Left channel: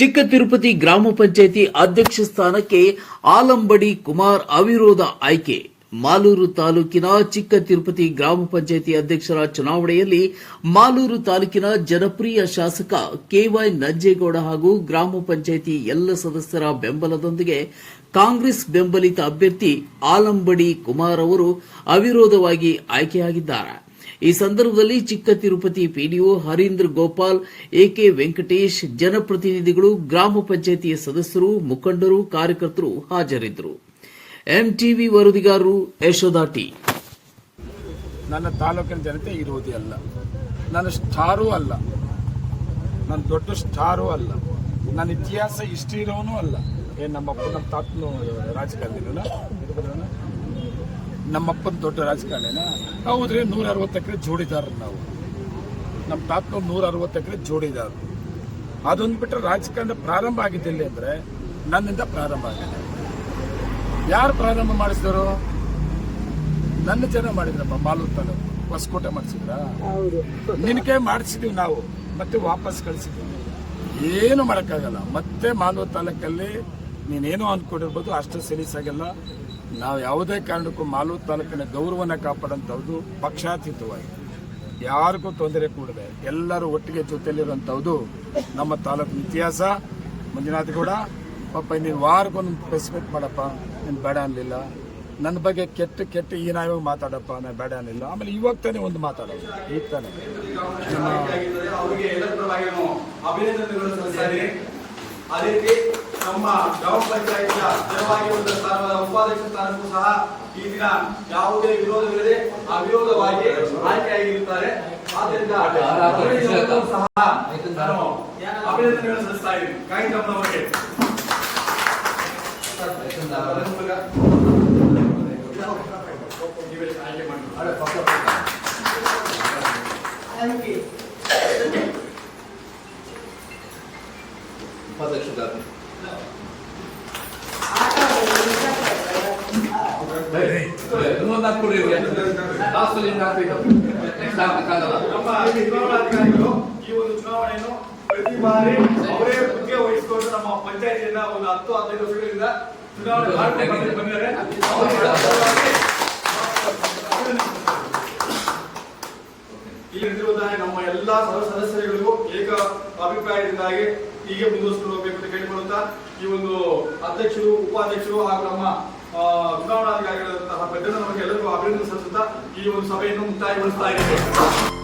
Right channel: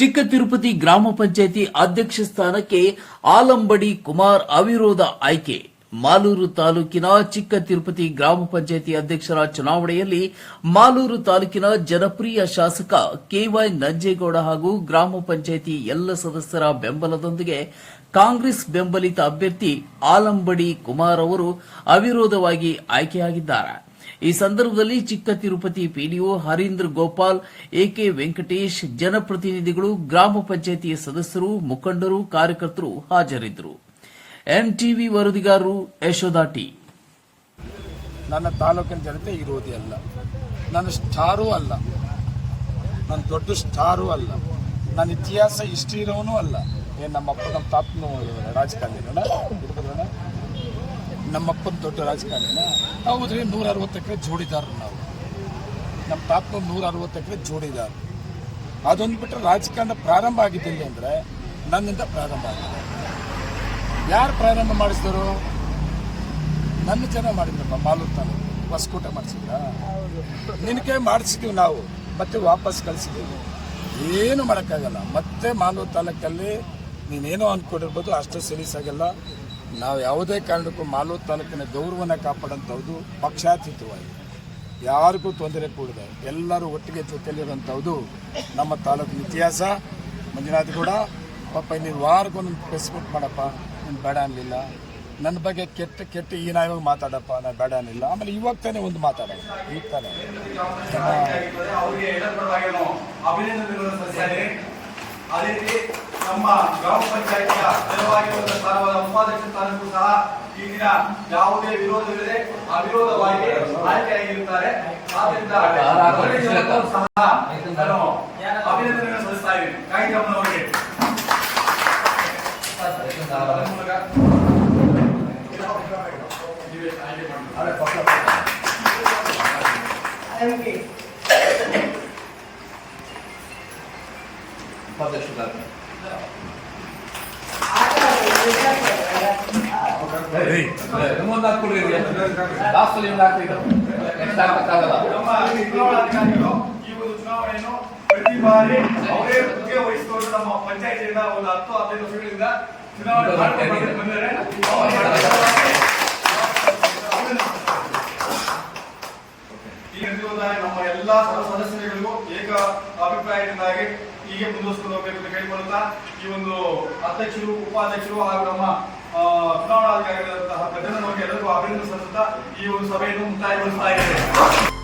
ಚಿಕ್ಕ ತಿರುಪತಿ ಗ್ರಾಮ ಪಂಚಾಯಿತಿ ಅಧ್ಯಕ್ಷ ಸ್ಥಾನಕ್ಕೆ ಆಲಂಬಡಿ ಕುಮಾರ್ ಅವಿರೋಧ ಆಯ್ಕೆ. ಮಾಲೂರು ತಾಲೂಕಿನ ಚಿಕ್ಕ ತಿರುಪತಿ ಗ್ರಾಮ ಪಂಚಾಯಿತಿ ಅಧ್ಯಕ್ಷರ ಚುನಾವಣೆಯಲ್ಲಿ ಮಾಲೂರು ತಾಲೂಕಿನ ಜನಪ್ರಿಯ ಶಾಸಕ ಕೆವೈ ನಂಜೇಗೌಡ ಹಾಗೂ ಗ್ರಾಮ ಪಂಚಾಯಿತಿ ಎಲ್ಲ ಸದಸ್ಯರ ಬೆಂಬಲದೊಂದಿಗೆ ಕಾಂಗ್ರೆಸ್ ಬೆಂಬಲಿತ ಅಭ್ಯರ್ಥಿ ಆಲಂಬಡಿ ಕುಮಾರ್ ಅವರು ಅವಿರೋಧವಾಗಿ ಆಯ್ಕೆಯಾಗಿದ್ದಾರೆ. ಈ ಸಂದರ್ಭದಲ್ಲಿ ಚಿಕ್ಕ ತಿರುಪತಿ ಪಿಡಿಒ ಹರೀಂದ್ರ ಗೋಪಾಲ್, ಎಕೆ ವೆಂಕಟೇಶ್, ಜನಪ್ರತಿನಿಧಿಗಳು, ಗ್ರಾಮ ಪಂಚಾಯಿತಿಯ ಸದಸ್ಯರು, ಮುಖಂಡರು, ಕಾರ್ಯಕರ್ತರು ಹಾಜರಿದ್ದರು. ಎಂಟಿವಿ ವರದಿಗಾರರು ಯಶೋದಾ ಟಿ. ನನ್ನ ತಾಲೂಕಿನ ಜನತೆ ಇರುವುದೇ ಅಲ್ಲ. ನನ್ನ ಸ್ಟಾರು ಅಲ್ಲ. ನನ್ನ ದೊಡ್ಡ ಸ್ಟಾರು ಅಲ್ಲ. ನನ್ನ ಇತಿಹಾಸ ಇಷ್ಟು ಇರೋನು ಅಲ್ಲ. ಏನು ನಮ್ಮಪ್ಪ, ನಮ್ಮ ತಾತನು ರಾಜಕಾರಣಿಗಳ ನಮ್ಮಪ್ಪನ ದೊಡ್ಡ ರಾಜಕಾರಣಿನ ಹೌದ್ರಿ ನೂರ ಅರವತ್ತು ಎಕರೆ ಜೋಡಿದಾರರು ನಾವು. ನಮ್ಮ ತಾತನವ್ರು ನೂರ ಅರವತ್ತು ಎಕರೆ ಜೋಡಿದಾರ. ಅದೊಂದು ಬಿಟ್ಟರೆ ರಾಜಕಾರಣ ಪ್ರಾರಂಭ ಆಗಿದ್ದಲ್ಲಿ ಅಂದರೆ ನನ್ನಿಂದ ಪ್ರಾರಂಭ ಆಗಿದೆ ಯಾರು ಪ್ರಾರಂಭ ಮಾಡಿಸಿದರು? ನನ್ನ ಜನ ಮಾಡಿದ್ರಪ್ಪ ಮಾಲೂರು ತಾಲೂಕು. ಹೊಸಕೋಟೆ ಮಾಡಿಸಿದ್ರ? ನಿನಗೆ ಮಾಡಿಸಿದೀವಿ ನಾವು, ಮತ್ತೆ ವಾಪಸ್ ಕಳಿಸಿದ್ದೀವಿ ಏನು ಮಾಡೋಕ್ಕಾಗಲ್ಲ. ಮತ್ತೆ ಮಾಲೂರು ತಾಲೂಕಲ್ಲಿ ನೀನೇನೋ ಅಂದ್ಕೊಂಡಿರ್ಬೋದು ಅಷ್ಟು ಸೀರಿಯಸ್ ಆಗಿಲ್ಲ. ನಾವು ಯಾವುದೇ ಕಾರಣಕ್ಕೂ ಮಾಲು ತಾಲೂಕಿನ ಗೌರವನ ಕಾಪಾಡೋಂಥದ್ದು ಪಕ್ಷಾತೀತವಾಗಿ. ಯಾರಿಗೂ ತೊಂದರೆ ಕೂಡದೆ ಎಲ್ಲರೂ ಒಟ್ಟಿಗೆ ಜೊತೆಯಲ್ಲಿರುವಂಥದ್ದು ನಮ್ಮ ತಾಲೂಕಿನ ಇತಿಹಾಸ. ಮಂಜುನಾಥ್ ಕೂಡ ಪಾಪ ನೀನು ವಾರಕ್ಕೊಂದು ಸ್ಪೆಸಿಫಿಕ್ ಮಾಡಪ್ಪ, ನೀನು ಬೇಡ ಅನ್ನಲಿಲ್ಲ ನನ್ನ ಬಗ್ಗೆ ಕೆಟ್ಟ ಕೆಟ್ಟ ಈ ನಾಯಿವಾಗ ಮಾತಾಡಪ್ಪ ನಾನು ಬೇಡ ಅನ್ನಿಲ್ಲ ಆಮೇಲೆ ಇವಾಗ ತಾನೇ ಒಂದು ಮಾತಾಡೋದು, ಈಗ ತಾನೇ. ನಮ್ಮ ಗ್ರಾಮ ಪಂಚಾಯತ್ ನೆರವಾಗಿರುವಂತಹ ಒಂದು ಸ್ಥಾನವಾದ ಉಪಾಧ್ಯಕ್ಷ ಸ್ಥಾನಕ್ಕೂ ಸಹ ಈ ದಿನ ಯಾವುದೇ ವಿರೋಧವಿಲ್ಲದೆ ಅವಿರೋಧವಾಗಿ ಆಯ್ಕೆಯಾಗಿರುತ್ತಾರೆ. ಆದ್ದರಿಂದ ಸಹ ನಾನು ಅಭಿನಂದನೆಗಳನ್ನು ಸಲ್ಲಿಸ್ತಾ ಇದ್ದೀನಿ ಗಾಯಕಮ್ಮನವರಿಗೆ ಅದರ ನೆಕ್ಸ್ಟ್ ಈ ಒಂದು ಚುನಾವಣೆಯನ್ನು ಪ್ರತಿ ಬಾರಿ ಅವರೇ ಮುಖ್ಯ ವಹಿಸಿಕೊಂಡು ನಮ್ಮ ಪಂಚಾಯತಿಯಿಂದ ಒಂದು ಹತ್ತು ಹದಿನೈದು ವರ್ಷಗಳಿಂದ ಚುನಾವಣೆ ಮಾಡ್ಕೊಂಡು ಬಂದಿದ್ದಾರೆ ಅಭಿಪ್ರಾಯದಿಂದಾಗಿ ಹೀಗೆ ಮುಂದುವರಿಸಿಕೊಂಡು ಹೋಗಬೇಕು ಅಂತ ಕೇಳಿಕೊಳ್ಳುತ್ತಾ, ಈ ಒಂದು ಅಧ್ಯಕ್ಷರು, ಉಪಾಧ್ಯಕ್ಷರು ಹಾಗೂ ನಮ್ಮ ಚುನಾವಣಾಧಿಕಾರಿಗಳಂತಹ ಪ್ರತಿನಿಧಿಗಳಿಗೆ ಎಲ್ಲರಿಗೂ ಅಭಿನಂದನೆ ಸಲ್ಲಿಸುತ್ತಾ ಈ ಒಂದು ಸಭೆಯನ್ನು ಮುಕ್ತಾಯಗೊಳಿಸ್ತಾ ಇದ್ದೇವೆ